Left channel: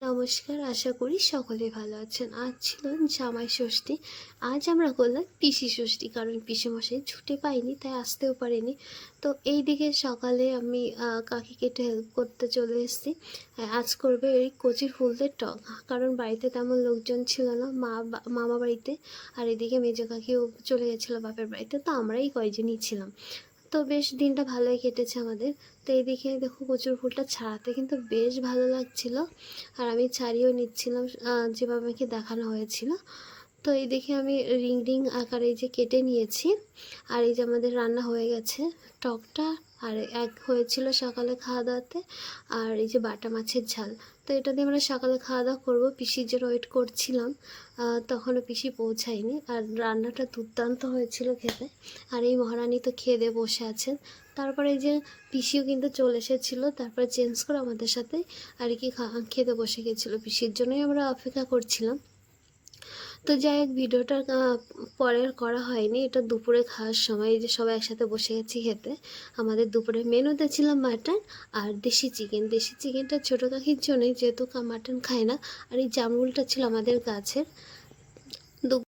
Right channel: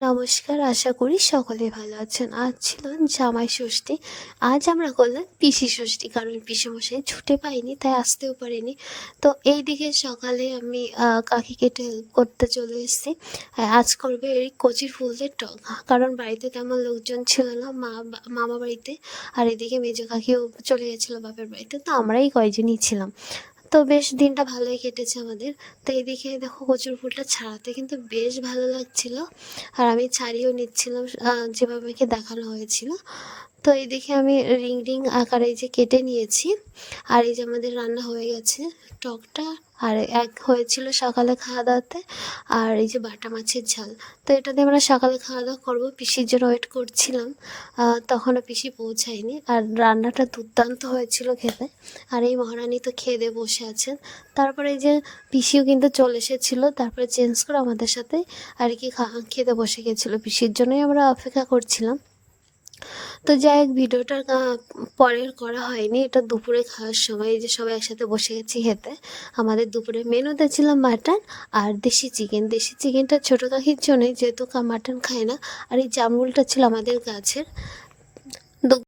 নমস্কার, আশা করি সকলে ভালো আছেন। আজ ছিল জামাই ষষ্ঠী। আজ আমরা করলাম পিসি ষষ্ঠী, কারণ পিসেমশাই ছুটি পায়নি, তাই আসতেও পারেনি। তো এইদিকে সকালে আমি কাকিকে একটু হেল্প করতে চলে এসেছি। আজ করবে এই কচি ফুলদের টক, কারণ বাড়িতে তেমন লোকজন ছিল না, মামা বাড়িতে। আর এদিকে মেজো কাকিও চলে গেছিলো বাপের বাড়িতে, তো আমরাই কয়জনই ছিলাম। তো বেশ দিনটা ভালোই কেটেছে আমাদের। তো এইদিকে দেখো কচুর ফুলটা ছাড়াতে কিন্তু বেশ ভালো লাগছিল, আর আমি ছাড়িয়েও নিচ্ছিলাম যেভাবে আমাকে দেখানো হয়েছিল। তো এই দেখে আমি রিং রিং আকারে এই যে কেটে নিয়েছি। আর এই যে আমাদের রান্না হয়ে গেছে টকটা। আর এক হয়েছিল সকালে খাওয়া দাওয়াতে, আর এই যে বাটা মাছের ঝাল। তো এটা দিয়ে আমরা সকালে খাওয়া দাওয়া করবো, পিসির জন্য ওয়েট করছিলাম। তখনও পিসি পৌঁছায়নি, আর রান্নাটা দুর্দান্ত হয়েছিল খেতে। আর এই মহারানী তো খেয়ে দিয়ে বসে আছেন। তারপরে এই যে পিসিও কিন্তু চলে এসেছিলো, তারপরে চেঞ্জ করে আমাদের সাথে আর কি খেতে বসে গেছিলো। পিসির জন্যই আমরা অপেক্ষা করছিলাম। তো যাই হোক, ভিডিওটা পরের করা হয়নি, এটা দুপুরে খাওয়ার সময় এই যে সবাই একসাথে বসে গেছি খেতে। আমাদের দুপুরে মেনুতে ছিল মাটন আর দেশি চিকেন। দেশি চিকেনটা ছোটো কাকির জন্যই, যেহেতু মাটন খায় না। আর এই জামরুলটা ছিল আমাদের গাছের,